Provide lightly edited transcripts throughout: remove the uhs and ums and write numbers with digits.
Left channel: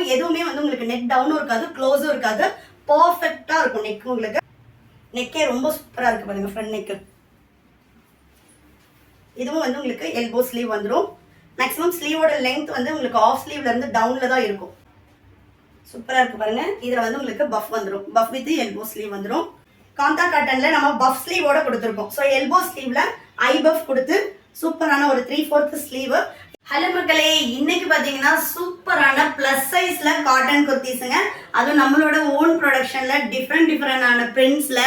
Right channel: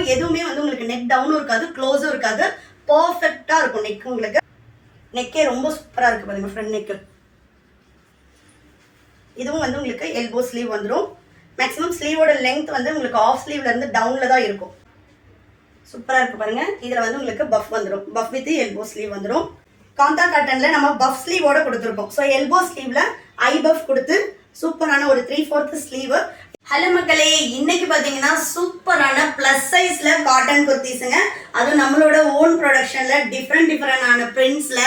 இருக்கும். எதுவுமே வந்து உங்களுக்கு நெக் டவுனும் இருக்காது, க்ளோஸும் இருக்காது. பர்ஃபெக்டா இருக்கும் நெக். உங்களுக்கு நெக்கே ரொம்ப சூப்பரா இருக்கு பாருங்க, ஃப்ரண்ட் நெக். இதுவும் வந்து உங்களுக்கு எல்போ ஸ்லீவ் வந்துடும். மேக்ஸிமம் ஸ்லீவோட லெங்த் வந்து உங்களுக்கு ஆஃப் ஸ்லீவ்ல இருந்து டவுன்ல தான் இருக்கும். சூப்பரா இருக்கு பாருங்க. இதுல வந்து உங்களுக்கு பஃப் வந்துடும். பஃப் வித் எல்போ ஸ்லீவ் வந்துடும். காந்தா காட்டன்ல நம்ம பஃப் ஸ்லீவோட கொடுத்துருக்கோம். ஸோ எல்போ ஸ்லீவ்ல ஐ பஃப் கொடுத்து சூப்பரான ஒரு 3/4 ஸ்லீவ். ஹலோ மக்களே, இன்னைக்கு பாத்தீங்கன்னா சூப்பரான பிளஸ் சைஸ்ல காட்டன் குர்த்திஸுங்க. அதுவும் நம்மளோட ஓன் ப்ரொடக்ஷன்ல டிஃப்ரெண்டான பிரிண்ட்ஸ்ல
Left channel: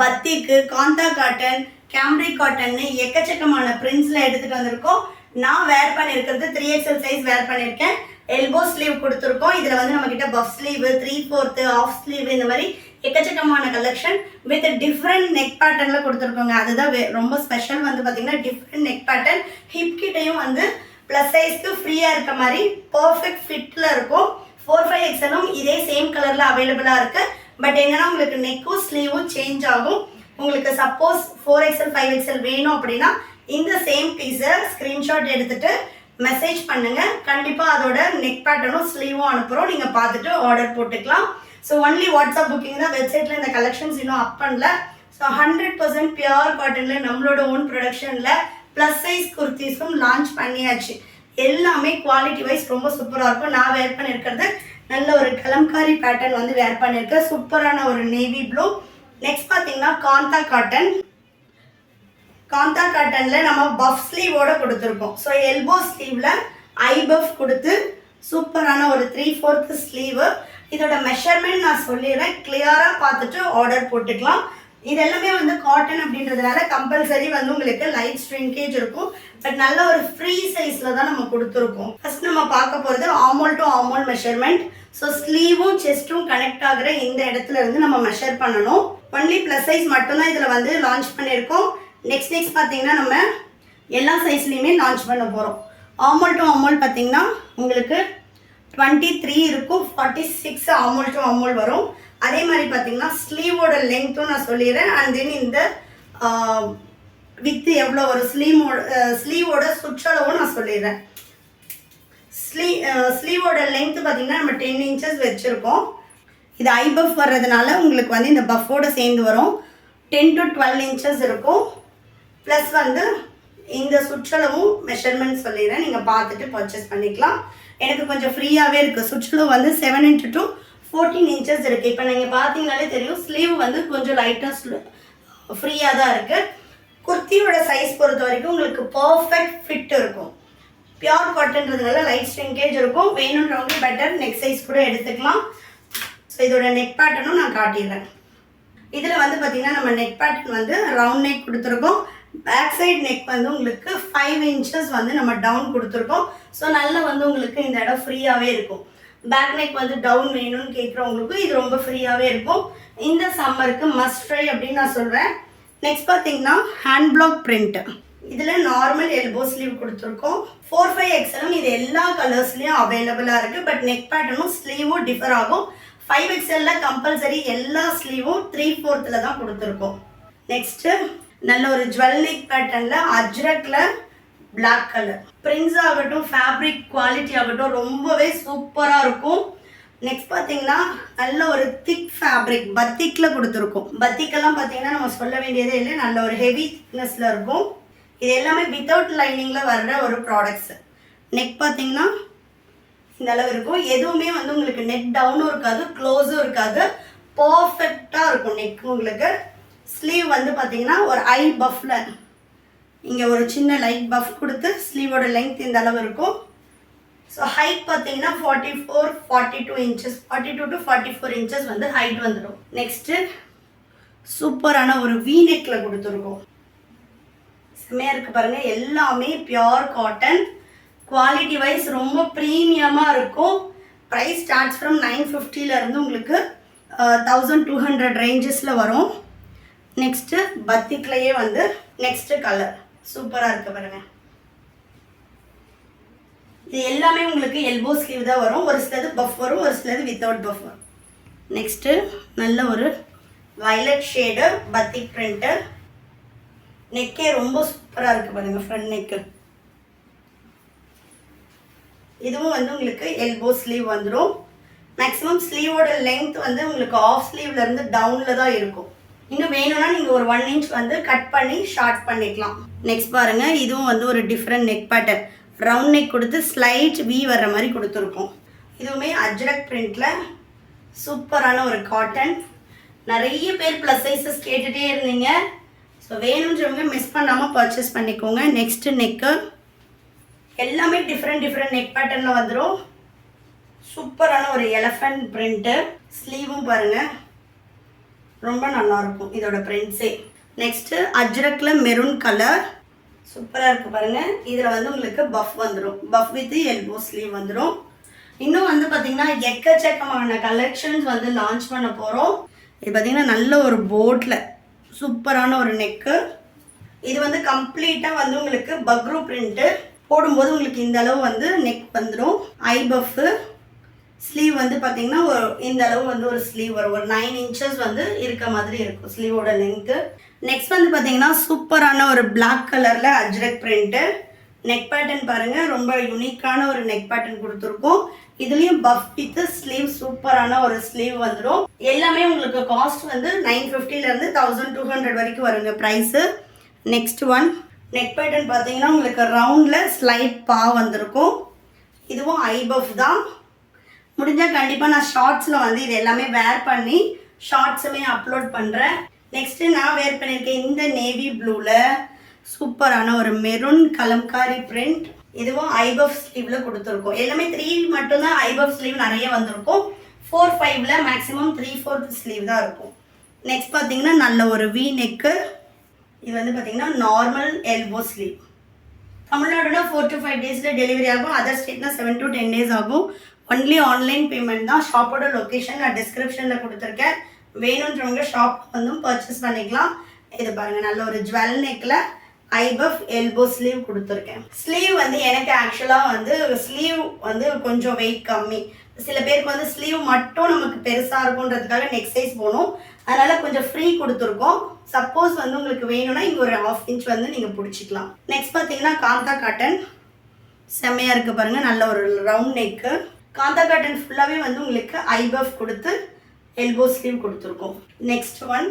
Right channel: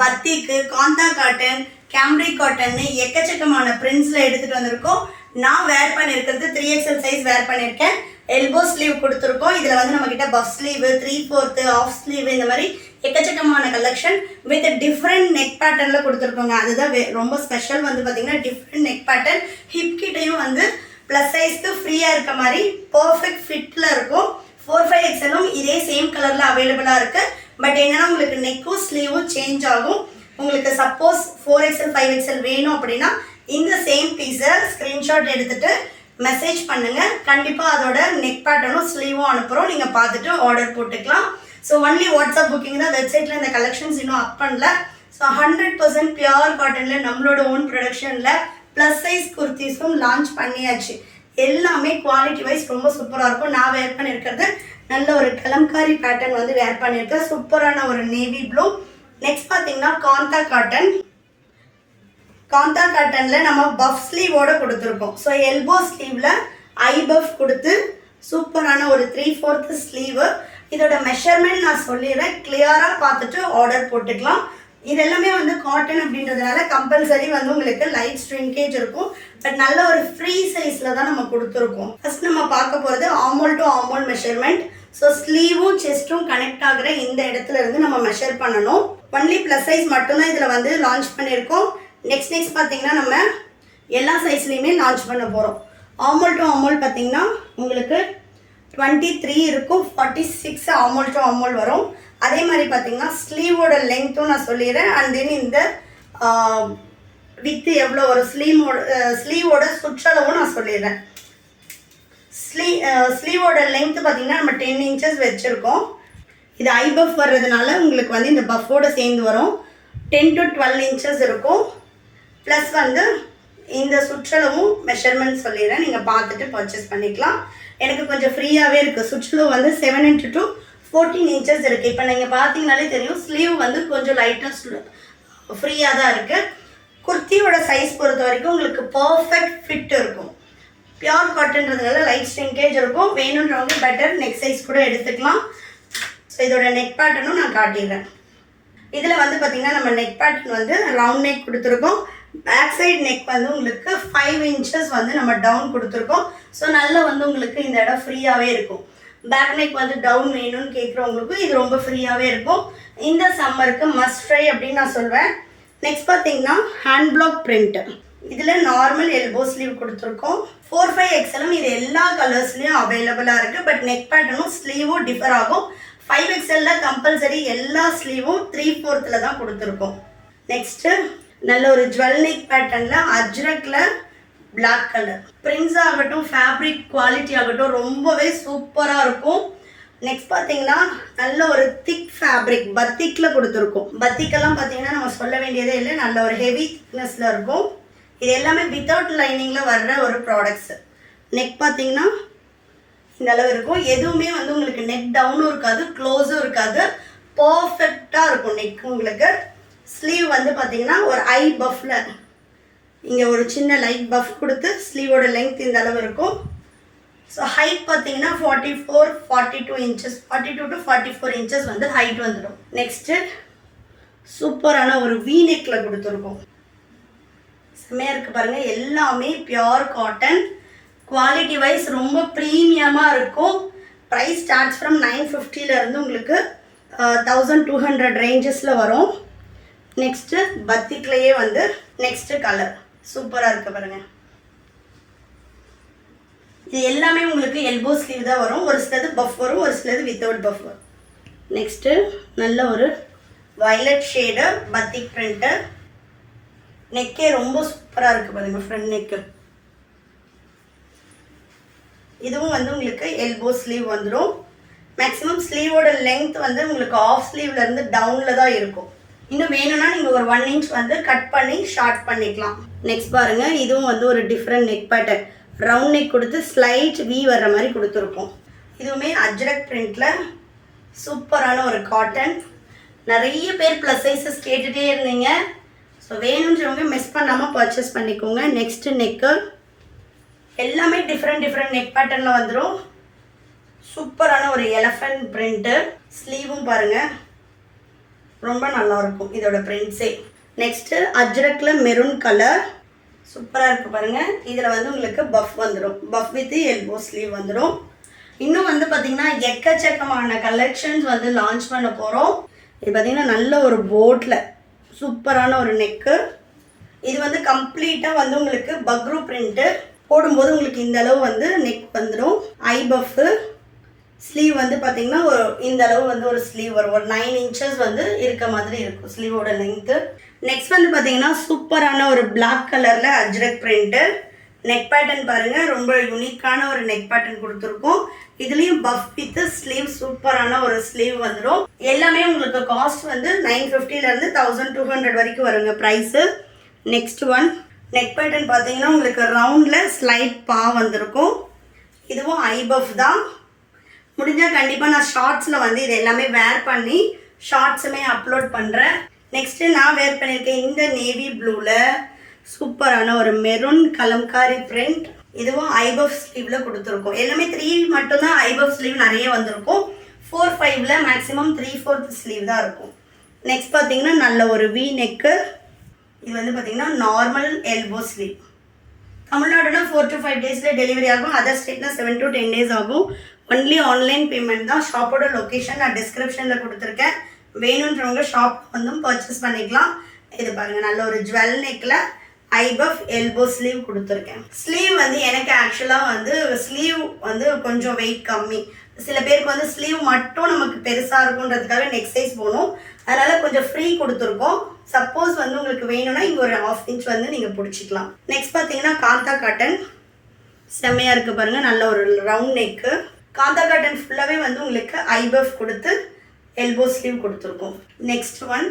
பத்திக்கு, காந்தா காட்டன், கேம்ரிக் காட்டன் எக்கச்சக்கமான பிரிண்ட்ஸ்ல எடுத்துட்டு வந்திருக்கோம். நான் வேர் பண்ணிருக்கிறது 3XL சைஸ் வேர் பண்ணிருக்கேன். எல்போ ஸ்லீவ் கொடுத்துருக்கோம். இதுல வந்து நம்ம கிட்ட பஃப் ஸ்லீவ், 3/4 ஆஃப் ஸ்லீவ், இந்த மாதிரி எக்கச்சக்கமான கலெக்ஷன் வித் டிஃப்ரெண்ட் நெக் பேட்டர்ன்ல கொடுத்துருக்கோங்க. அதுதான் ரொம்ப ஸ்பெஷல். வந்து பாத்தீங்கன்னா டிஃப்ரெண்ட் நெக் பேட்டர்ன். ஹிப் கிட்டையும் வந்து பிளஸ் சைஸ்க்கு ஃப்ரீயா இருக்க மாதிரி பர்ஃபெக்ட் ஃபிட்ல இருக்கும். 4/5XLம் இதே சேம் கலர்ல அவைலபிளா இருக்கு. பட் என்னன்னா உங்களுக்கு நெக்கும் ஸ்லீவும் சேஞ்ச் ஆகும். உங்களுக்கு சப்போஸ் 4XL 5XL வேணும் அப்படின்னா இந்த சேம் பீஸை ஸ்கிரீன்ஷாட் எடுத்துட்டு மெசேஜ் பண்ணுங்க. கண்டிப்பா அதோட நெக் பேட்டர்னும் ஸ்லீவும் அனுப்புறோம். நீங்க பார்த்துட்டு ஆர்டர் போட்டுக்கலாம். ஸோ ஒன்லி வாட்ஸ்அப் புக்கிங் தான். வெப்சைட்ல இந்த கலெக்ஷன்ஸ் இன்னும் அப் பண்ணல. ஸோ 100% பியூர் காட்டன்ல நம்மளோட ஓன் ப்ரொடக்ஷன்ல பிளஸ் சைஸ் குர்த்திஸும் லான்ச் பண்ணியாச்சு. எல்லாமே குவாலிட்டி வைஸ் ரொம்ப சூப்பராக இருக்கும். நான் வேர் பண்ணியிருக்கிறது நல்ல ஒரு கலம்காரி பேட்டர்ன் வந்து வேர் பண்ணியிருக்கேன். சூப்பரான ஒரு நேவி ப்ளூ. நெக்ஸ்ட் பார்த்தீங்கன்னா காந்தா காட்டன். காந்தா காட்டன்ல நம்ம பஃப் ஸ்லீவோட கொடுத்துருக்கோம். ஸோ எல்போ ஸ்லீவ்ல ஐ பஃப் கொடுத்து சூப்பரான ஒரு 3/4 ஸ்லீவ். இதோட மெஷர்மெண்ட் நான் சொல்லிடுறேன். கிளியரா பார்த்துட்டு ஆர்டர் போட்டுக்கலாம். இது எல்லாமே வந்து காட்டன் அப்படின்றதுனால கம்பல்சரி வந்து உங்களுக்கு லைட் ஸ்ட்ரிங்கேஜ் இருக்கும். பட் நல்ல ஒரு ஃப்ரீ சைஸ்ல தான் நம்ம கொடுத்துருக்கோம். ஃபர்ஸ்ட் நம்ம பார்க்க போகிறது ஆமோல் டு ஆமோல் மெஷர்மெண்ட். ஸோ ஸ்லீவும் செஸ்ட்டும் கனெக்ட் ஆகுற இந்த இடத்துல இருந்து நம்ம மெஷர் பண்ணணும். ஒன்லி பிளஸ் சைஸ் மட்டும்தான் இதில் வந்து லான்ச் பண்ணியிருக்கோம். நெக்ஸ்ட் பார்த்தீங்கன்னா நம்ம எல்லா சைஸ்லையுமே லான்ச் பண்ண போகிறோம். ஆமோல் டு ஆமோல் பார்த்தீங்கன்னா உங்களுக்கு 23 இருக்கும், 46 ஆமோல் டு ஆமோல் வரும். அதே மாதிரி பார்த்தீங்கன்னா ஸ்லீவோட லெங்க்த்தும் நான் சொல்லிடுறேன். அண்ட் தென் இந்த வித்து எவ்வளோ ஒரு ஸ்லீவோட சுற்றளவும் நான் சொல்லிடுறேன். ஸ்லீவோட லெங்க்த் பார்த்தீங்கன்னா நம்ம 10 இன்ச்சஸ் வச்சுருக்கோம். இது ஐ பஃப் வர்றதுனால உங்களுக்கு வந்து இந்த பஃபோட சேர்ந்து வரும். 10 to 12 இன்ச்சஸ் இருக்கும். ப்ளஸ் வந்து இந்த சுற்றளவும் மெஷர்மெண்ட் சொல்லிடுறேன். நீங்கள் பார்த்துட்டு பர்ச்சேஸ் பண்ணிக்கலாம். எனக்கு கொஞ்சம் ஃப்ரீயாகவே இருக்குது. சுற்றளவு வந்து 7 into 2 14 இன்ச்சஸ் இருக்குது. இப்போ நீங்கள் பார்த்தீங்கனாலே தெரியும் ஸ்லீவ் வந்து கொஞ்சம் லைட்டாக ஃப்ரீயாக தான் இருக்குது. குர்த்தியோட சைஸ் பொறுத்த வரைக்கும் உங்களுக்கு பர்ஃபெக்ட் ஃபிட் இருக்கும். பியூர் காட்டன்றதுனால லைட் ஸ்ட்ரிங்கேஜ் இருக்கும். வேணுன்றவங்க பெட்டர் நெக் சைஸ் கூட எடுத்துக்கலாம். ஸோ இதோட நெக் பேட்டர்னும் நான் காட்டிடுறேன். இதில் வந்து பார்த்தீங்கன்னா நம்ம நெக் பேட்டர்ன் வந்து ரவுண்ட் நெக் கொடுத்துருக்கோம். பேக் சைட் நெக் வந்து உங்களுக்கு 5 இன்ச்சஸ் வந்து நம்ம டவுன் கொடுத்துருக்கோம். ஸோ நல்லா வந்து உங்களுக்கு இந்த இடம் ஃப்ரீயாகவே இருக்கும். பேக் நெக் வந்து டவுன் வேணும்னு கேட்குறவங்களுக்கும் இது ரொம்ப ஃப்ரீயாகவே இருக்கும். இந்த சம்மருக்கு மஸ்ட் ட்ரை அப்படின்னு நான் சொல்வேன். நெக்ஸ்ட் பார்த்தீங்கன்னா ஹேண்ட் பிளாக் பிரிண்ட். இதில் நார்மல் எல்போ ஸ்லீவ் கொடுத்துருக்கோம். 4/5XLம் இது எல்லா கலர்ஸ்லையும் அவைலபிளாக இருக்குது. பட் நெக் பேட்டர்னும் ஸ்லீவும் டிஃபர் ஆகும். 5XLல கம்பல்சரி எல்லா ஸ்லீவும் 3/4 தான் கொடுத்துருக்கோம். நெக்ஸ்ட்டு நல்ல ஒரு ஜுவல் நெக் பேட்டர்னில் அஜ்ரக்ல பிளாக் கலர் பிரிண்ட்ஸ் ஆகட்டும், ஃபேப்ரிக் குவாலிட்டி ஆகட்டும் ரொம்பவே சூப்பராக இருக்கும். நெக்ஸ்ட் பார்த்தீங்கன்னா நல்ல ஒரு திக் ஃபேப்ரிக் பத்திக்கில் கொடுத்துருக்கோம். பத்திக்கெல்லாம் பார்த்தீங்கன்னா நம்ம சொல்ல வேண்டியதே இல்லை, நல்ல ஒரு ஹெவி திக்னஸில் இருக்கும். இது எல்லாமே வித்தவுட் லைனிங்கில் வர்ற ஒரு ப்ராடக்ட்ஸ். நெக் பார்த்தீங்கன்னா இந்த அளவு இருக்கும். எதுவுமே வந்து உங்களுக்கு நெக் டவுனும் இருக்காது, க்ளோஸும் இருக்காது. பர்ஃபெக்டாக இருக்கும் நெக். உங்களுக்கு ஸ்லீவ் வந்து பார்த்தீங்கன்னா ஒரு ஐ பஃப்ல இங்கே ஒரு சின்ன லைட் பஃப் கொடுத்து ஸ்லீவோட லெங்க் இந்த அளவு இருக்கும். ஸோ ஹைட் பார்த்தீங்கன்னா 42 இன்ச்சஸ் 42 to 44 இன்ச்சஸ் வந்து ஹைட் வந்துடும். நெக்ஸ்ட்டு சூப்பரான ஒரு வி நெக்கில் கொடுத்துருக்கோம். செம்மையாக இருக்குது பாருங்கள். எல்லாமே பியோர் காட்டன். குவாலிட்டி வைஸ் ரொம்ப ப்ரீமியமாக இருக்கும். ப்ரைஸ் ஸ்டார்ட்ஸ் ஃப்ரம் 950 உங்களுக்கு 1200 ரேஞ்சஸில் வரும். நெக்ஸ்ட்டு பத்திக்லேயே வந்து நெக்ஸ்ட்டு கலர் சூப்பராக இருக்குது பாருங்கள். இது எல்லாமே உங்களுக்கு எல்போ ஸ்லீவ் தான் வரும். ஒரு சிலது பஃப் வரும், ஒரு சிலது வித்தவுட் பஃப் வரும். நெக்ஸ்ட்டு நல்ல ஒரு வயலட் ஷேடு பத்திக் பிரிண்ட்டு. நெக்கே ரொம்ப சூப்பராக இருக்குது பாருங்கள். ஃப்ரண்ட் நெக்கு இதுவும் வந்து உங்களுக்கு எல்போ ஸ்லீவ் வந்துடும். மேக்ஸிமம் ஸ்லீவோட லென்த் வந்து உங்களுக்கு ஆஃப் ஸ்லீவ்ல இருந்து டவுன்ல தான் இருக்கும். இன்னும் வேணும்னா நீங்க ஒரு 1 இன்ச் வந்து கட் பண்ணி ஷார்ட் பண்ணிக்கலாம். நெக்ஸ்ட் பாருங்க, இதுவும் வந்து ஒரு different neck pattern. Round neck கொடுத்து ஸ்லைட் வி வர்ற மாதிரி கொடுத்துருக்கோம். இதுவுமே அஜ்ரக் பிரிண்ட்ல சூப்பரான ஒரு காட்டன். நிறைய பேர் ப்ளஸ் சைஸஸ் கேட்டுகிட்டே இருந்தீங்க. ஸோ வேணுன்றவங்க மிஸ் பண்ணாமல் பர்ச்சேஸ் பண்ணிக்கோங்க. நெக்ஸ்ட்டு நெக்கு எல்லாமே டிஃப்ரெண்ட் நெக் பேட்டர்னில் வந்துடும். சூப்பரான ஒரு எலஃபண்ட் பிரிண்ட்டு. ஸ்லீவும் பாருங்கள், ரொம்ப நல்லாயிருக்கும் இதோட பிரிண்ட்ஸே. நெக்ஸ்ட்டு அஜ்ரக்கில் மெரூன் கலர் சூப்பராக இருக்குது பாருங்கள். இதில் வந்து உங்களுக்கு பஃப் வந்துடும். பஃப் வித் எல்போ ஸ்லீவ் வந்துடும். இன்னும் வந்து பார்த்திங்கன்னா எக்கச்சக்கமான கலெக்ஷன்ஸ் வந்து லான்ச் பண்ண போகிறோம். இது பார்த்திங்கன்னா நல்ல ஒரு போட்டில் சூப்பரான ஒரு நெக்கு. இது வந்து கம்ப்ளீட்டாக வந்து உங்களுக்கு பக்ரூ பிரிண்ட்டு. போடும்போது உங்களுக்கு இந்த அளவு வந்து நெக் வந்துடும். ஐ பஃப்பு ஸ்லீவ் வந்து பார்த்திங்கன்னா ஒரு இந்த அளவு வந்து ஒரு ஸ்லீவ் வரும். ஒரு 9 இன்ச்சஸ் வந்து இருக்க மாதிரி இருக்கும் ஸ்லீவோட லென்த்து. நெக்ஸ்ட் வந்து பார்த்திங்கன்னா சூப்பரான ஒரு பிளாக் கலரில் அஜ்ரக் பிரிண்ட்டு. நெக் பேட்டர்ன் பாருங்கள், ரொம்ப யூனிக்கான ஒரு நெக் பேட்டர்ன் கொடுத்துருக்கோம். இதுலேயும் பஃப் வித் ஸ்லீவ் சூப்பரான ஒரு ஸ்லீவ் வந்துடும். எல்லாமே உங்களுக்கு காஸ்ட் வந்து 950லேருந்து 1200 வரைக்கும் வருங்க price. Next one neck pattern பார்த்தீங்கன்னா உங்களுக்கு ரவுண்டில் ஸ்லைட் பா வந்திருக்கும். இதுவும் ஐ பஃப் தான். முடிஞ்சால் கண்டிப்பாக நான் ஷார்ட்ஸில் வந்து இது எல்லாமே வேர் பண்ணி ஷார்ட்ஸுமே அப்லோட் பண்ணுறேன். நெக்ஸ்ட்டு நான் வேர் பண்ணியிருக்கேன் இந்த நேவி ப்ளூவில் சூப்பரான ஒரு மெரூன் கலம்காரி பிரிண்ட். இதுவும் ஐபஃப் ஸ்லீவ்ல கொடுத்துருக்கோம். எல்லாமே 3 மட்டும்தான் ஐபஃப் ஸ்லீவ் நிறைய வந்திருக்கும். 4, 5ல மேக்ஸிமம் 3/4 ஸ்லீவ் தான் இருக்கும். நெக்ஸ்ட் பார்த்தீங்கன்னா நல்ல ஒரு வி நெக்கு. இது வந்து பார்த்தீங்கன்னா நார்மல் எல்போ ஸ்லீவ். தமிழ்நாடுனா 4 to 5 டேஸில் டெலிவரி ஆகும். அதர் ஸ்டேட்னா 7 to 10 days ஆகும். ஒன்லி ஆன்லைன் பேமெண்ட் தான். ஷாப்போட லொக்கேஷன் நான் டிஸ்கிரிப்ஷனில் கொடுத்துருக்கேன். வேணுன்றவங்க ஷாப் வந்து பர்ச்சேஸ் பண்ணிக்கலாம். இது பாருங்கள், நல்ல ஒரு ஜுவல் நெக்கில் ஐபஃப் எல்போ ஸ்லீவ் கொடுத்துருக்கேன். ஸ்லீவ் வந்து எனக்கு ஆக்சுவலாக வந்து ஸ்லீவ் வந்து கொஞ்சம் வெயிட் கம்மி. சில பேருக்கு வந்து ஸ்லீவ் மட்டும் நமக்கு பெருசாக இருக்குன்றதுக்காக நெக் சைஸ் போகணும். அதனால் கொஞ்சம் ஃப்ரீ கொடுத்துருக்கோம். சப்போஸ் வந்து உங்களுக்கு வேணும்னா இங்கே ஒரு 1/2 inch வந்து நீங்கள் பிடிச்சிக்கலாம். நெக்ஸ்ட் பார்த்தீங்கன்னா காந்தா காட்டன் செம்மையாக இருக்குது பாருங்கள். நல்ல ஒரு ரவுண்ட் நெக்கு. காந்தா காட்டன் ஃபுல்லாகவே வந்து உங்களுக்கு ஐபஃப் கொடுத்து எல்போ ஸ்லீவ் கொடுத்துருக்கோம். நெக்ஸ்ட் ஒன்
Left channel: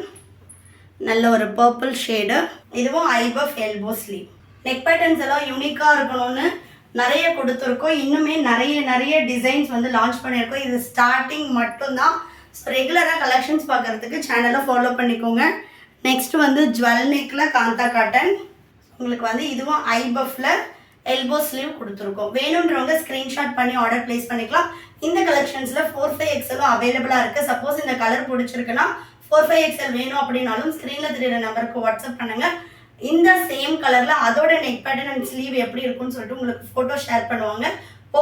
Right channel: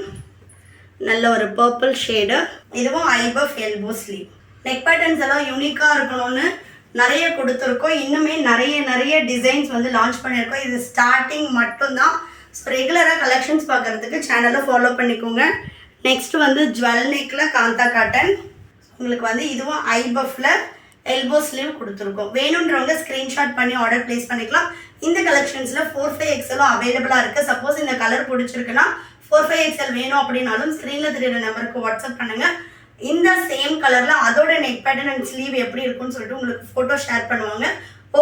நல்ல ஒரு பர்பிள் ஷேடு. இதுவும் ஐபஃப் எல்போ ஸ்லீவ். நெக் பேட்டர்ன்ஸ் எல்லாம் யூனிக்காக இருக்கணும்னு நிறைய கொடுத்துருக்கோம். இன்னுமே நிறைய டிசைன்ஸ் வந்து லான்ச் பண்ணியிருக்கோம். இது ஸ்டார்டிங் மட்டும்தான். ஸோ ரெகுலராக கலெக்ஷன்ஸ் பார்க்குறதுக்கு சேனலை ஃபாலோ பண்ணிக்கோங்க. நெக்ஸ்ட் வந்து ஜுவல் நெக்கில் காந்தா காட்டன். உங்களுக்கு வந்து இதுவும் ஐபஃப்ல எல்போ ஸ்லீவ் கொடுத்துருக்கோம். வேணுன்றவங்க ஸ்க்ரீன்ஷாட் பண்ணி ஆர்டர் பிளேஸ் பண்ணிக்கலாம். இந்த கலெக்ஷன்ஸில் 4/5XL அவைலபிளாக இருக்குது. சப்போஸ் இந்த கலர் பிடிச்சிருக்குன்னா 4/5XL வேணும் அப்படின்னாலும் ஸ்க்ரீனில் தெரியுற நம்பருக்கு வாட்ஸ்அப் பண்ணுங்கள். இந்த சேம் கலரில் அதோட நெக் பேட்டர்ன் அண்ட் ஸ்லீவ் எப்படி இருக்குன்னு சொல்லிட்டு உங்களுக்கு ஃபோட்டோ ஷேர் பண்ணுவாங்க.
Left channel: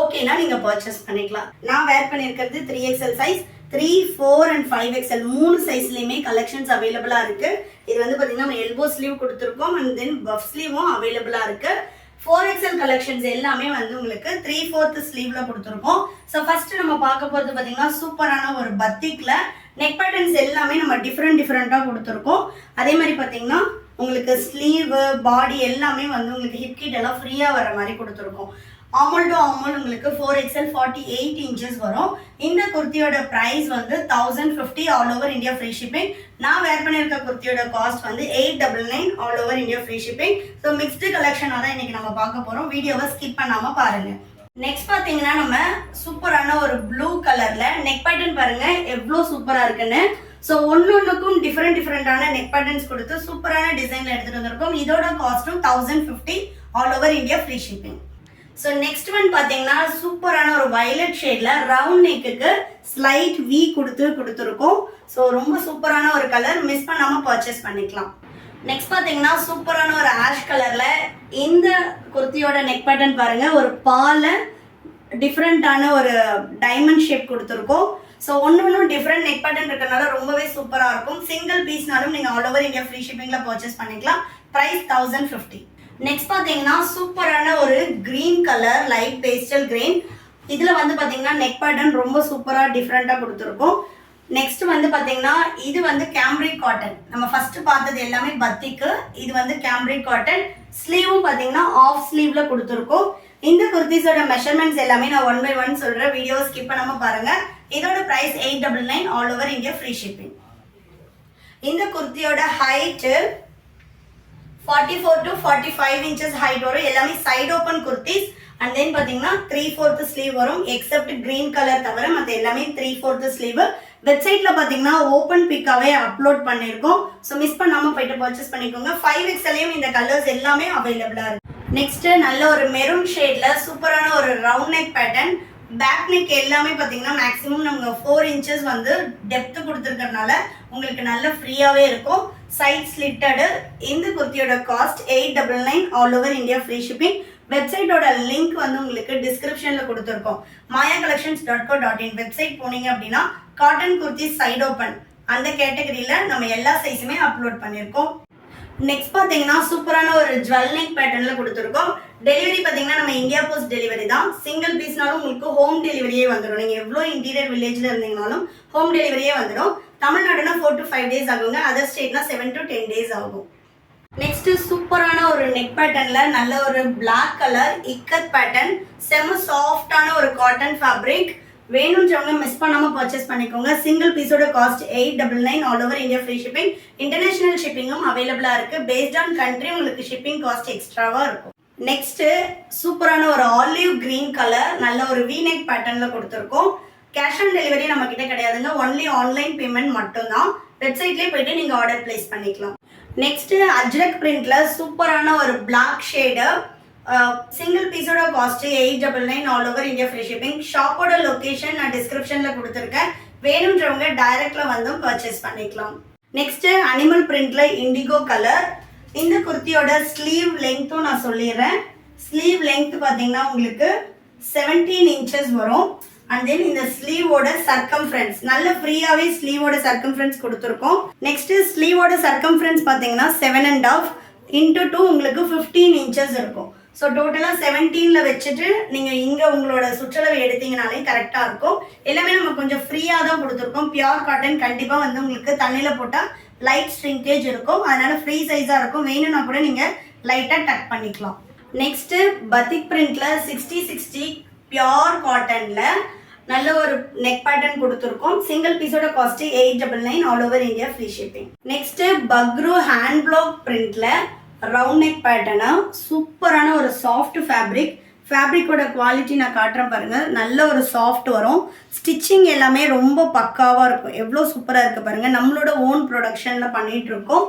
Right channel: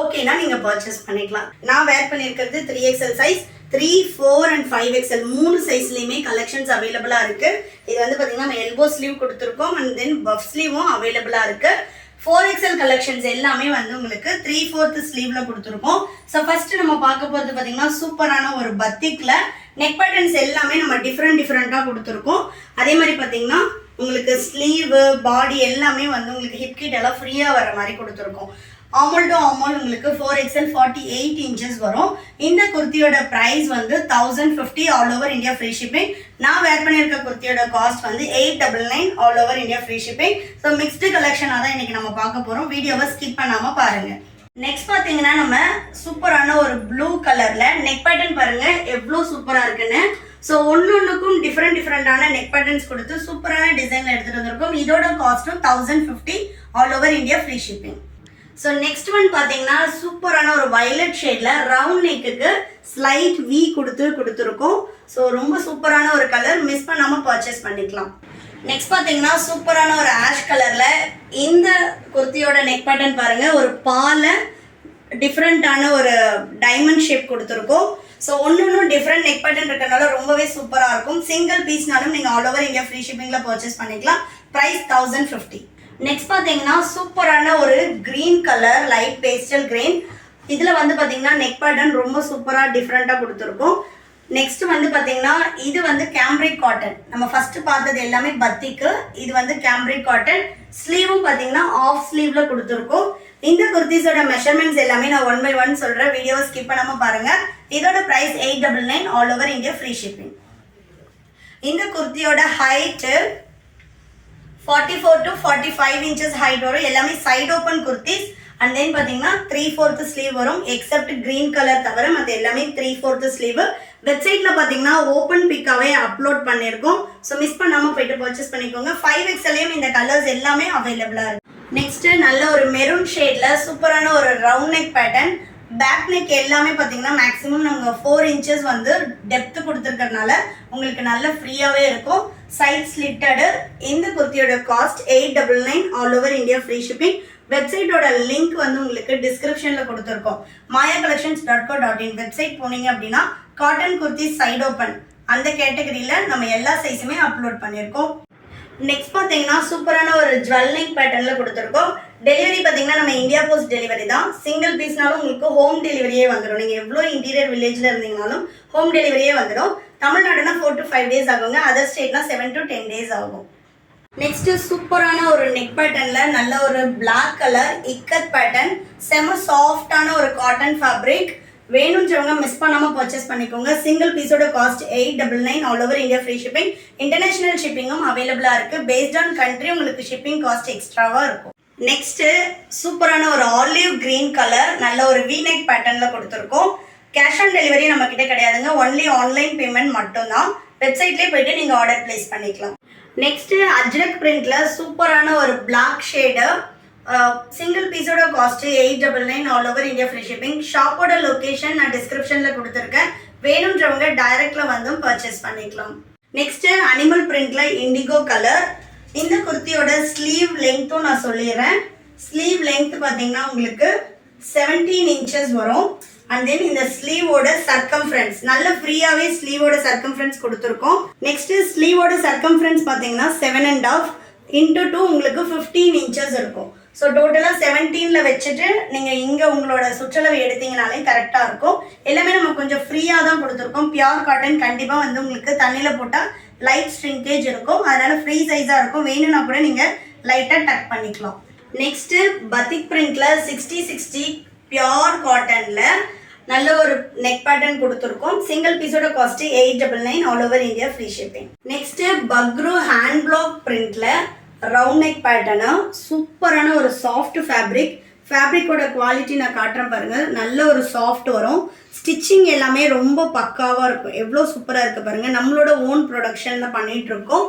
ஓகேனா நீங்கள் பர்ச்சேஸ் பண்ணிக்கலாம். நான் வேர் பண்ணியிருக்கிறது 3XL size. 3, 4 and 5XL 3 சைஸ்லேயுமே collections அவைலபிளாக இருக்குது. இது வந்து பார்த்திங்கன்னா நம்ம எல்போ ஸ்லீவ் கொடுத்துருக்கோம் அண்ட் தென் பஃப் ஸ்லீவும் அவைலபிளாக இருக்குது. 4XL கலெக்ஷன்ஸ் எல்லாமே வந்து உங்களுக்கு 3/4 ஸ்லீவில் கொடுத்துருக்கோம். ஸோ ஃபர்ஸ்ட் நம்ம பார்க்க போகிறது பார்த்தீங்கன்னா சூப்பரான ஒரு பத்திக்கில் நெக் பேட்டர்ன்ஸ் எல்லாமே நம்ம டிஃப்ரெண்ட்டாக கொடுத்துருக்கோம். அதே மாதிரி பார்த்தீங்கன்னா உங்களுக்கு ஸ்லீவு பாடி எல்லாமே வந்து உங்களுக்கு ஹிப் கிட் எல்லாம் ஃப்ரீயாக வர மாதிரி கொடுத்துருக்கோம். ஆமல் டு ஆமல் உங்களுக்கு 4XL 48 inches வரும். இந்த குர்த்தியோட ப்ரைஸ் வந்து 1050 all over India free shipping. நான் வேர் பண்ணியிருக்க குர்த்தியோட காஸ்ட் வந்து 899 all over India free shipping. So mixed கலெக்ஷனாக தான் இன்னைக்கு நம்ம பார்க்க போகிறோம். வீடியோவை ஸ்கிப் பண்ணாமல் பாருங்கள். நெக்ஸ்ட் பார்த்தீங்கன்னா நம்ம சூப்பரான ஒரு ப்ளூ கலரில் நெக் பேட்டர்ன் பாருங்கள் எவ்வளோ சூப்பராக இருக்குன்னு. ஸோ ஒன்றுக்கும் டிஃப்ரெண்டான நெக் பேட்டர்ன்ஸ் கொடுத்து சூப்பரான டிசைனில் எடுத்துகிட்டு வந்திருக்கோம். இதோட காஸ்ட்டும் 1050 all over India free shipping. So next one பார்த்தீங்கன்னா சூப்பரான ஒரு வயலட் ஷேடில் ரவுண்ட் நெக்குக்கு ஸ்லைட் வி கொடுத்துருக்கோம். ஸோ ரொம்ப சூப்பரான ஒரு கலர், மிஸ் பண்ணாமல் பர்ச்சேஸ் பண்ணிக்கலாம். நெக்ஸ்ட் பார்த்தீங்கன்னா சூப்பரான ஒரு ஆஷ் கலரில் இந்த குர்த்தியோட நெக் பேட்டர்ன் பாருங்கள். ஒரு பால டிஃப்ரெண்ட்டான ஒரு டைமண்ட் ஷேப் கொடுத்துருக்கோம். ஸோ ஒன்று டிஃப்ரெண்ட் நெக் பேட்டர்ன் இருக்கிறனால ரொம்பவே சூப்பராக இருக்கும். சிங்கிள் பீஸ்னாலும் நீங்கள் ஆல் ஓவர் இந்தியா ஃப்ரீ ஷிப்பிங்கில் பர்ச்சேஸ் பண்ணிக்கலாம். ப்ரைஸ் 1050. நெக்ஸ்ட் பார்த்தீங்கன்னா சூப்பரான ஒரு green colour, light pastel green. இதில் வந்து பார்த்தீங்கன்னா நெக் பேட்டர்ன் ரொம்ப சூப்பராக டிஃப்ரெண்ட்டாக கொடுத்துருக்கோம். நெக்ஸ்ட் வந்து பார்த்தீங்கன்னா இது வந்து கேம்ப்ரிக் காட்டன். நம்ம ஃபர்ஸ்ட் பார்த்தது எல்லாமே பத்திக்கு, இது வந்து கேம்ப்ரிக் காட்டன். ஸ்லீவும் பார்த்தீங்கன்னா ஆஃப் ஸ்லீவ்ல கொடுத்துருக்கோம். இந்த குர்த்திஸோட மெஷர்மெண்ட்ஸ் எல்லாமே நான் 1 by 1 சொல்கிறேன், வீடியோவை ஸ்கிப் பண்ணாமல் பாருங்கள். இதோட price 899 all over India free shipping. இந்த குர்த்தியோட ஹைட்டு 44 to 45 inches ஹைட் வரும். எல்லாமே side open kurtis. And then பார்த்தீங்கன்னா 3/4 ஸ்லீவ் வரும். எக்ஸப்ட் கிரீன் கலர் தவிர மற்ற எல்லாமே 3/4 ஸ்லீவ். வெப்சைட்டில் பார்த்தீங்கன்னா ஓப்பன் பிக்காவே அப்லோட் பண்ணியிருக்கோம். ஸோ மிஸ் பண்ணாமல் போயிட்டு பர்ச்சேஸ் பண்ணிக்கோங்க. 5XLயும் இந்த கலர்ஸ் எல்லாமே அவைலபிளாக இருக்குது. நெக்ஸ்ட்டு நல்ல ஒரு மெரூன் ஷேடில் சூப்பரான ஒரு round neck pattern. Back neck எல்லாமே பார்த்தீங்கன்னா மேக்ஸிமம் நம்ம 4 inches வந்து டெப்த்து கொடுத்துருக்கறனால உங்களுக்கு நல்ல ஃப்ரீயாகவே இருக்கும். Side slitted. இந்த குர்த்தியோட cost 899 all over India free shipping. வெப்சைட்டோட லிங்க் வந்து உங்களுக்கு டிஸ்கிரிப்ஷனில் கொடுத்துருக்கோம். mayacollections.co.in வெப்சைட் போனீங்க அப்படின்னா காட்டன் குர்த்தி சைட் ஓப்பன் அந்த கேட்டகரியில் நம்ம எல்லா சைஸுமே அப்லோட் பண்ணியிருக்கோம். நெக்ஸ்ட் பார்த்தீங்கன்னா சூப்பரான ஒரு ஜுவல் நெக் பேட்டர்னில் கொடுத்துருக்கோம். டெலிவரி பார்த்தீங்கன்னா நம்ம இந்தியா போஸ்ட் டெலிவரி தான். சிங்கிள் பீஸ்னாலும் உங்களுக்கு ஹோம் டெலிவரியே வந்துடும். நீங்கள் எவ்வளோ இன்டீரியர் வில்லேஜில் இருந்தீங்கனாலும் ஹோம் டெலிவரியே வந்துடும். தமிழ்நாடுனா 4 to 5 days ஆகுங்க. அதர் ஸ்டேட்னா 7 to 10 days ஆகும். நெக்ஸ்ட் சூப்பரான ஒரு நெக் பேட்டர்னில் நல்ல ஒரு பிளாக் கலர் இக்கத் பேட்டர்ன். செம சாஃப்டான ஒரு காட்டன் ஃபேப்ரிக். வேணுன்றவங்க மிஸ் பண்ணாமல் பர்ச்சேஸ் பண்ணிக்கோங்க. சிங்கிள் பீஸோட cost 899 all over India free shipping. International ஷிப்பிங்கும் அவைலபிளாக இருக்குது. பேஸ்ட் ஆன் கண்ட்ரி உங்களுக்கு ஷிப்பிங் காஸ்ட் எக்ஸ்ட்ராவாக இருக்கும். நெக்ஸ்ட்டு சூப்பரான ஒரு ஆலிவ் கிரீன் கலர் நல்ல ஒரு வீநெக் பேட்டர்னில் கொடுத்துருக்கோம். கேஷ் ஆன் டெலிவரி நம்ம கிட்ட கிடையாதுங்க. ஒன்லி ஆன்லைன் பேமெண்ட் மட்டும்தான். வெப்சைட்லேயே போயிட்டு நீங்கள் ஆர்டர் பிளேஸ் பண்ணிக்கலாம். நெக்ஸ்ட்டு அஜ்ரக் பிரிண்ட்ல சூப்பரான ஒரு பிளாக் ஷேடு. சிங்கிள் பீஸோட cost 899 all over India free shipping. ஷாப்போட லொக்கேஷன் நான் டிஸ்கிரிப்ஷனில் கொடுத்துருக்கேன். வேணுன்றவங்க டைரக்ட்ல வந்தும் பர்ச்சேஸ் பண்ணிக்கலாம். நெக்ஸ்ட் அனிமல் பிரிண்ட்ல இண்டிகோ கலர். இந்த குர்த்தியோட ஸ்லீவ் லெங்க்த்தும் நான் சொல்லிடுறேன். ஸ்லீவ் லெங்க் பார்த்தீங்கன்னா உங்களுக்கு 17 inches வரும். அண்ட் தென் இந்த ஸ்லீவோட சர்க்கம்ஃபரன்ஸ் நல்ல ஃப்ரீயாகவே ஸ்லீவோட சர்க்கம்ஃபரன்ஸ் கொடுத்துருக்கோம். நெக்ஸ்ட் ஸ்லீவோட சர்க்கம்ஃபரன்ஸ் பார்த்தீங்கன்னா 7.5 into 2 உங்களுக்கு 15 inches இருக்கும். ஸோ டோட்டலாக 17ல வச்சுட்டு நீங்கள் இங்கே உங்களோட சுற்றளவு எடுத்தீங்கனாலே கரெக்டாக இருக்கும். எல்லாமே நம்ம கொஞ்சம் ஃப்ரீயாக தான் கொடுத்துருக்கோம். பியூர் காட்டன் கண்டிப்பாக வந்து உங்களுக்கு தண்ணியில் போட்டால் லைட் ஸ்ட்ரிங்கேஜ் இருக்கும். அதனால் ஃப்ரீ சைஸாக இருக்கும். வேணும்னா கூட நீங்கள் லைட்டாக டக் பண்ணிக்கலாம். நெக்ஸ்ட்டு பத்திக் பிரிண்ட்ல 60/60 பியூர் காட்டனில் நல்ல ஒரு நெக் பேட்டர்ன் கொடுத்துருக்கோம். சிங்கிள் பீஸோட cost 899 all over India free shipping. Next Bagru hand block பிரிண்ட்ல ரவுண்ட் நெக் பேட்டர்னா சூப்பரான ஒரு சாஃப்ட் ஃபேப்ரிக். ஃபேப்ரிக்கோட குவாலிட்டி நான் காட்டுறேன் பாருங்கள். நல்ல ஒரு சாஃப்ட் வரும். ஸ்டிச்சிங் எல்லாமே ரொம்ப பக்காவாக இருக்கும். எவ்வளோ சூப்பராக இருக்குது பாருங்கள். நம்மளோட ஓன் ப்ரொடக்ஷனில் பண்ணிகிட்டு இருக்கோம்.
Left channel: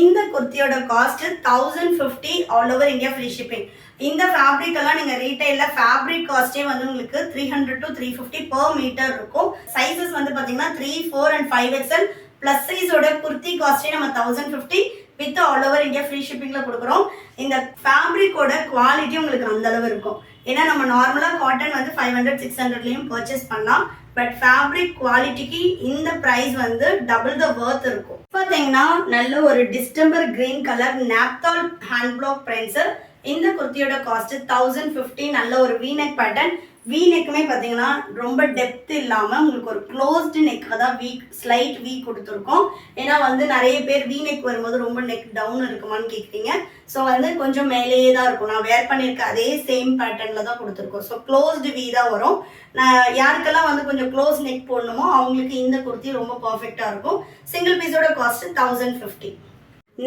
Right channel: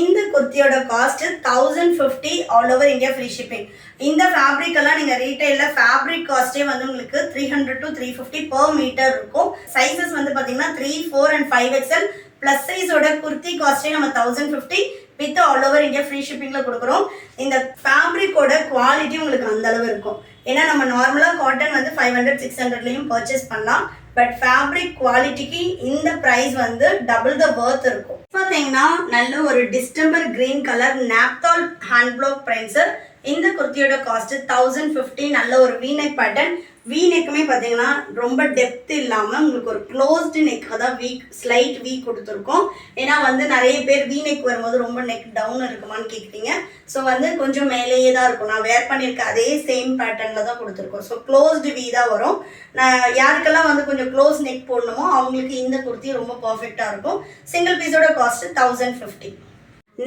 இந்த குர்த்தியோட cost 1050 all over India free shipping. இந்த ஃபேப்ரிக் எல்லாம் நீங்கள் ரீட்டைலில் ஃபேப்ரிக் காஸ்ட்டே வந்து உங்களுக்கு 300 to 350 per meter இருக்கும். சைஸஸ் வந்து பார்த்தீங்கன்னா 3, 4 and 5XL. ப்ளஸ் சைஸோட குர்த்தி காஸ்ட்டே நம்ம 1050 with all over India free ஷிப்பிங்கில் கொடுக்குறோம். இந்த ஃபேப்ரிக்கோட குவாலிட்டி உங்களுக்கு அந்த அளவு இருக்கும். ஏன்னா நம்ம நார்மலாக காட்டன் வந்து 500, 600லையும் பர்ச்சேஸ் பண்ணலாம். பட் ஃபேப்ரிக் குவாலிட்டிக்கு இந்த ப்ரைஸ் வந்து டபுள் த வர்த் இருக்கும். பார்த்தீங்கன்னா நல்ல ஒரு distemper green colour naphthol hand black prints. இந்த குர்த்தியோட காஸ்ட் 1050. நல்ல ஒரு வீநெக் பேட்டர்ன். வீநெக்குமே பார்த்தீங்கன்னா ரொம்ப டெப்த் இல்லாமல் உங்களுக்கு ஒரு க்ளோஸ்டு நெக்காக தான் ஸ்லைட் வீக் கொடுத்துருக்கோம். ஏன்னா வந்து நிறைய பேர் வீநெக் வரும்போது ரொம்ப நெக் டவுன் இருக்குமான்னு கேட்குறீங்க. ஸோ வந்து கொஞ்சம் மேலேயே தான் இருக்கும். நான் வேர் பண்ணியிருக்க அதே சேம் பேட்டர்னில் தான் கொடுத்துருக்கோம். ஸோ க்ளோஸ்டு வீ தான் வரும். நான் யாருக்கெல்லாம் வந்து கொஞ்சம் க்ளோஸ் நெக் போடணுமோ அவங்களுக்கு இந்த குர்த்தி ரொம்ப பர்ஃபெக்டாக இருக்கும். சிங்கிள் பீஸோட காஸ்ட் 1050.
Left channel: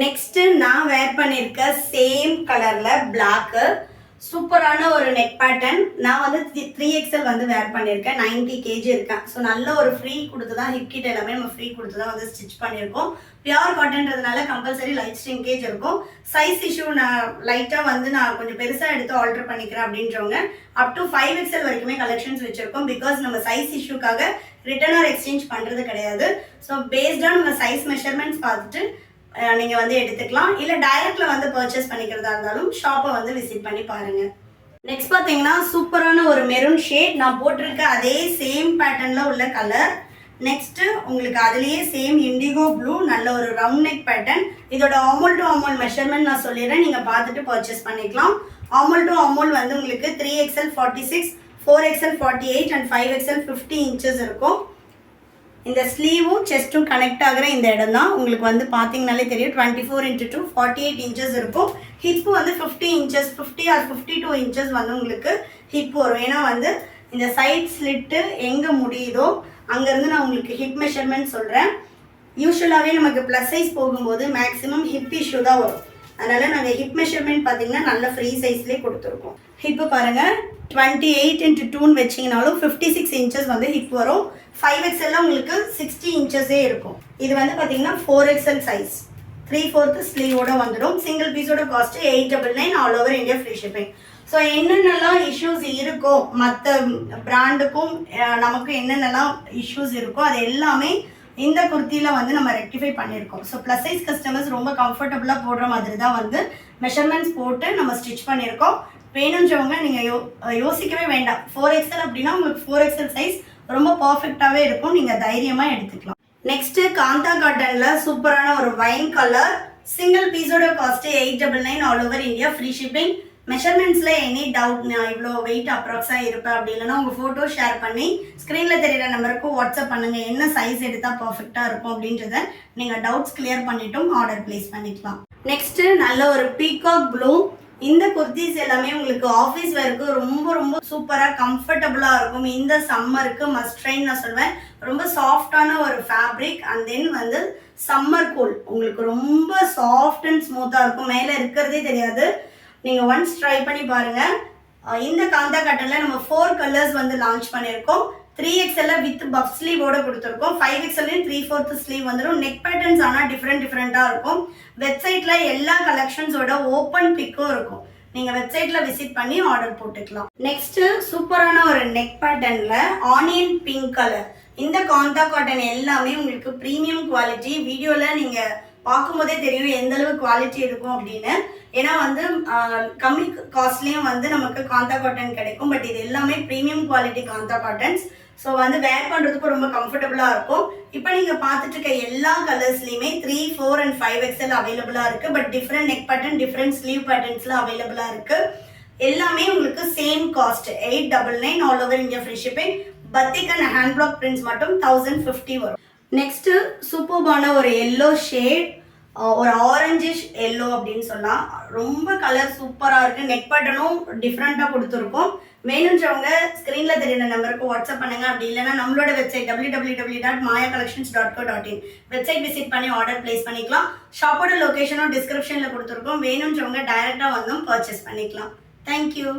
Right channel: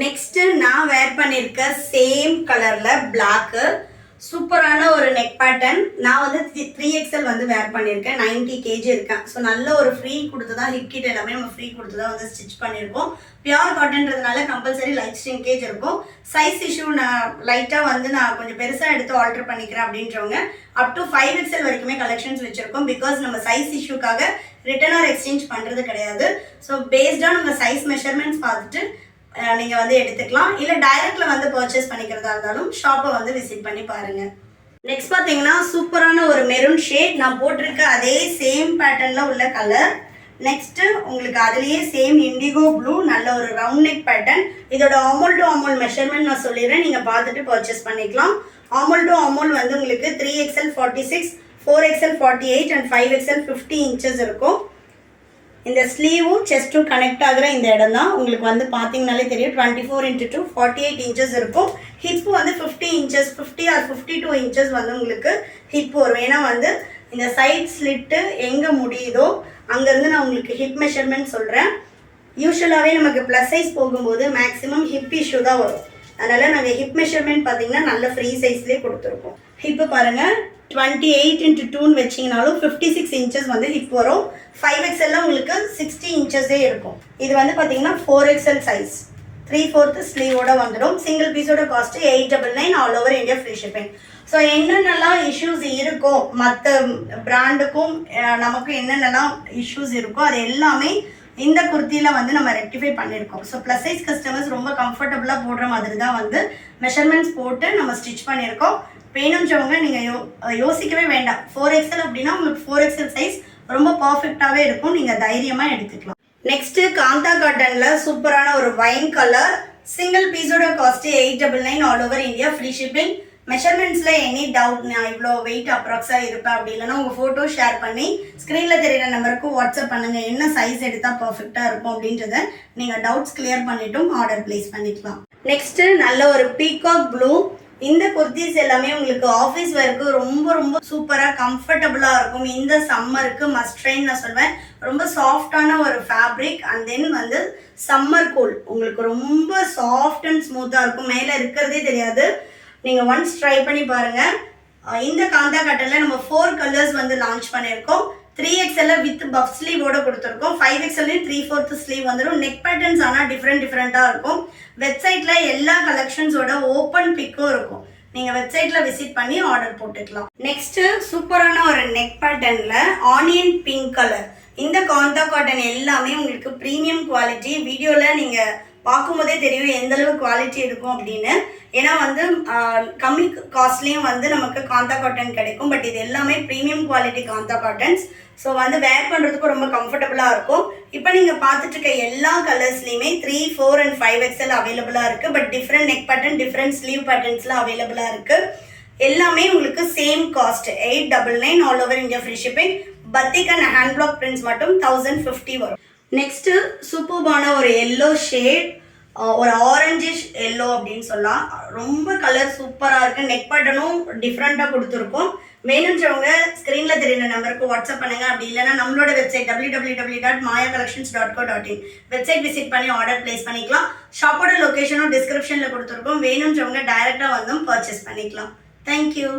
நெக்ஸ்ட் நான் வேர் பண்ணியிருக்க சேம் கலரில் பிளாக்கு சூப்பரான ஒரு நெக் பேட்டர்ன். நான் வந்து 3XL வந்து வேர் பண்ணியிருக்கேன். 90 kg இருக்கேன். ஸோ நல்ல ஒரு ஃப்ரீ கொடுத்து தான் ஹிப் கிட் எல்லாமே நம்ம ஃப்ரீ கொடுத்து தான் வந்து ஸ்டிச் பண்ணியிருக்கோம். பியூர் காட்டன்றதுனால கம்பல்சரி லைட் ஸ்ட்ரிங்கேஜ் இருக்கும். சைஸ் இஷ்யூ நான் லைட்டாக வந்து நான் கொஞ்சம் பெருசாக எடுத்து ஆல்டர் பண்ணிக்கிறேன் அப்படின்றவங்க அப் டு 5XL வரைக்குமே கலெக்ஷன்ஸ் வச்சுருக்கோம். பிகாஸ் நம்ம சைஸ் இஷ்யூக்காக ரிட்டர்ன் ஆர் எக்ஸ்சேஞ்ச் பண்ணுறது கிடையாது. ஸோ பேஸ்டாக உங்கள் சைஸ் மெஷர்மெண்ட்ஸ் பார்த்துட்டு நீங்கள் வந்து எடுத்துக்கலாம். இல்லை டைரக்டில் வந்து பர்ச்சேஸ் பண்ணிக்கிறதா இருந்தாலும் ஷாப்பை வந்து விசிட் பண்ணி பாருங்கள். நெக்ஸ்ட் பார்த்தீங்கன்னா சூப்பரான ஒரு மெரூன் ஷேட். நான் போட்டிருக்க அதே சேம் பேட்டர்னில் உள்ள கலர். நெக்ஸ்ட்டு உங்களுக்கு அதுலேயே சேம் இண்டிகோ ப்ளூ நல்ல ஒரு ரவுண்ட் நெக் பேட்டர்ன். இதோட ஆமோல் டு ஆமோல் மெஷர்மெண்ட் நான் சொல்லிடுறேன். நீங்கள் பார்த்துட்டு பர்ச்சேஸ் பண்ணிக்கலாம். ஆமோல் டு ஆமோல் வந்து உங்களுக்கு 3XL 46, 4XL 48 and 5XL 50 inches இருக்கும். இந்த ஸ்லீவும் செஸ்ட்டும் கனெக்ட் ஆகிற இந்த இடம் தான் உங்களுக்கு வந்து பார்த்தீங்கனாலே தெரியும். 24x2 48 இன்ச்சஸ் இருக்கும். ஹிப் வந்து 50 இன்ச்சஸ் 50 ஆர் 52 இன்ச்சஸ் வந்து உங்களுக்கு ஹிப் வரும். ஏன்னா வந்து இந்த சைட் ஸ்லிட்டு எங்கே முடியுதோ அங்கேருந்து நான் உங்களுக்கு ஹிப் மெஷர்மெண்ட் சொல்கிறேன். யூஸ்வலாகவே நமக்கு ப்ளஸ் சைஸ் போகும்போது மேக்ஸிமம் ஹிப் இஷ்யூ தான் வரும். அதனால் நாங்கள் ஹிப் மெஷர்மெண்ட் பார்த்தீங்கன்னா நல்ல ஃப்ரீ சைஸ்லேயே கொடுத்துருக்கோம். ஹிப்பு பாருங்கள் 28x2 வச்சிங்கனாலும் 56 இன்ச்சஸ் வந்து ஹிப் வரும். 5XL உங்களுக்கு 60 இன்ச்சஸே இருக்கும். இது வந்து பார்த்தீங்கன்னா 4XL சைஸ் 3/4 ஸ்லீவோட வந்துடும். சிங்கிள் பீஸோட cost 899 all over India free shipping. So என்னென்னலாம் இஷ்யூஸ் இருக்கோ மற்ற பிராண்டுக்கும் நமக்கு என்னென்னலாம் இஷ்யூஸ் இருக்கோ அது எல்லாமே இந்த குர்த்தியில் வந்து நம்ம ரெக்டிஃபை பண்ணியிருக்கோம். ஸோ ப்ளஸ் சைஸ் கஸ்டமர்ஸ் ரொம்ப கம்ஃபர்டபுளாக போடுற மாதிரி தான் வந்து மெஷர்மெண்ட்ஸ் போட்டு நம்ம ஸ்டிச் பண்ணியிருக்கோம். வேணுன்றவங்க நீங்கள் யோசிக்கவே வேண்டாம். 4XL அப்படின்னா உங்களுக்கு 4XL சைஸ் ரொம்ப பர்ஃபெக்டாகவே இருக்கும். நீங்கள் தைரியமாக எடுத்துக்கலாம். நெக்ஸ்ட்டு காந்தா காட்டனில் சூப்பரான ஒரு வைன் கலர் சிங்கிள் பீஸோட cost 899 all over India free shipping. மெஷர்மெண்ட்ஸில் எனி டவுட் நான் இவ்வளோ வெயிட் அப்ராக்ஸாக இருப்பேன் அப்படி இல்லைன்னா உங்கள் ஃபோட்டோ ஷேர் பண்ணி ஸ்க்ரீனில் தெரியிற நம்பருக்கு வாட்ஸ்அப் பண்ணுங்கள். என்ன சைஸ் எடுத்தால் பர்ஃபெக்டாக இருக்கும் அப்படின்றத நீங்கள் டவுட்ஸ் கிளியர் பண்ணிவிட்டும் ஆர்டர் ப்ளேஸ் பண்ணிக்கலாம். நெக்ஸ்ட்டு நல்ல ஒரு பீகாக் ப்ளூ. இந்த குர்த்திஸ் எல்லாமே உங்களுக்கு ஆஃபீஸ் வேருக்கு ரொம்ப ரொம்ப சூப்பராக கம்ஃபர்டபுளாக இருக்கும். இந்த சம்மருக்கு மஸ்ட் ட்ரைன்னு நான் சொல்வேன். ரொம்ப சாஃப்டான ஒரு ஃபேப்ரிக் அண்ட் தென் வந்து சம்மர் கூல் உங்களுக்கு ரொம்ப சாஃப்ட் அண்ட் ஸ்மூத்தாக இருக்கும். மேலே இருக்கிறதே தெரியாது. நீங்கள் ஒன்ஸ் ட்ரை பண்ணி பாருங்கள். இந்த காந்தா காட்டனில் நம்ம 4 கலர்ஸ் வந்து லான்ச் பண்ணியிருக்கோம். 3XL வித் பஃப் ஸ்லீவோட கொடுத்துருக்கோம். 5XL 3/4 ஸ்லீவ் வந்துடும். நெக் பேட்டர்ன்ஸ் ஆனால் டிஃப்ரெண்ட்டாக இருக்கும். வெப்சைட்டில் எல்லா கலெக்ஷன்ஸோட ஓப்பன் பிக்கும் இருக்கும். நீங்கள் வெப்சைட்டில் விசிட் பண்ணி ஆர்டர் போட்டுக்கலாம். நெக்ஸ்ட்டு சூப்பரான ஒரு நெக் பேட்டர்னில் ஆனியன் பிங்க் கலர். இந்த காந்தா காட்டன் எல்லாமே உங்களுக்கு ப்ரீமியம் குவாலிட்டி. வீடியோவில் நீங்கள் பார்க்கும்போதே தெரியும் எந்த அளவு குவாலிட்டி இருக்கும் அப்படின்னு. ஏன்னா வந்து கம்மி காஸ்ட்லேயும் வந்து நமக்கு காந்தா காட்டன் கிடைக்கும். பட் இது எல்லாமே premium quality kantha cottons. So வந்து வேர் பண்ணுறதுக்கும் ரொம்ப கம்ஃபர்டபுளாக இருக்கும். இப்போ நீங்கள் பார்த்துட்டு இருக்க எல்லா கலர்ஸ்லையுமே 3, 4 and 5XL அவைலபிளாக இருக்குது. But different neck pattern different sleeve பேட்டர்ன்ஸ்லாம் அவைலபிளாக இருக்குது. எல்லாமே உங்களுக்கு same cost 899 all over India free shipping. Batik and hand block prints மட்டும் 1050 வரும். நெக்ஸ்ட்டு சூப்பர்பான ஒரு எல்லோ ஷேட், ஒரு ஆரஞ்சிஷ் எல்லோ அப்படின்னு சொல்லலாம். ரொம்ப கலர் சூப்பராக இருக்குது. நெக் பேட்டர்னும் டிஃப்ரெண்ட்டாக கொடுத்துருக்கோம். வேணுன்றவங்க ஸ்க்ரீனில் தெரியுற நம்பருக்கு வாட்ஸ்அப் பண்ணுங்கள். அப்படி இல்லைனா நம்மளோட வெப்சைட் www.mayacollections.co.in வெப்சைட் விசிட் பண்ணி ஆர்டர் பிளேஸ் பண்ணிக்கலாம். ஷாப்போட லொக்கேஷனும் டிஸ்கிரிப்ஷனில் கொடுத்துருக்கோம். வேணுன்றவங்க டைரெக்டாக வந்தும் பர்ச்சேஸ் பண்ணிக்கலாம். தேங்க்யூ.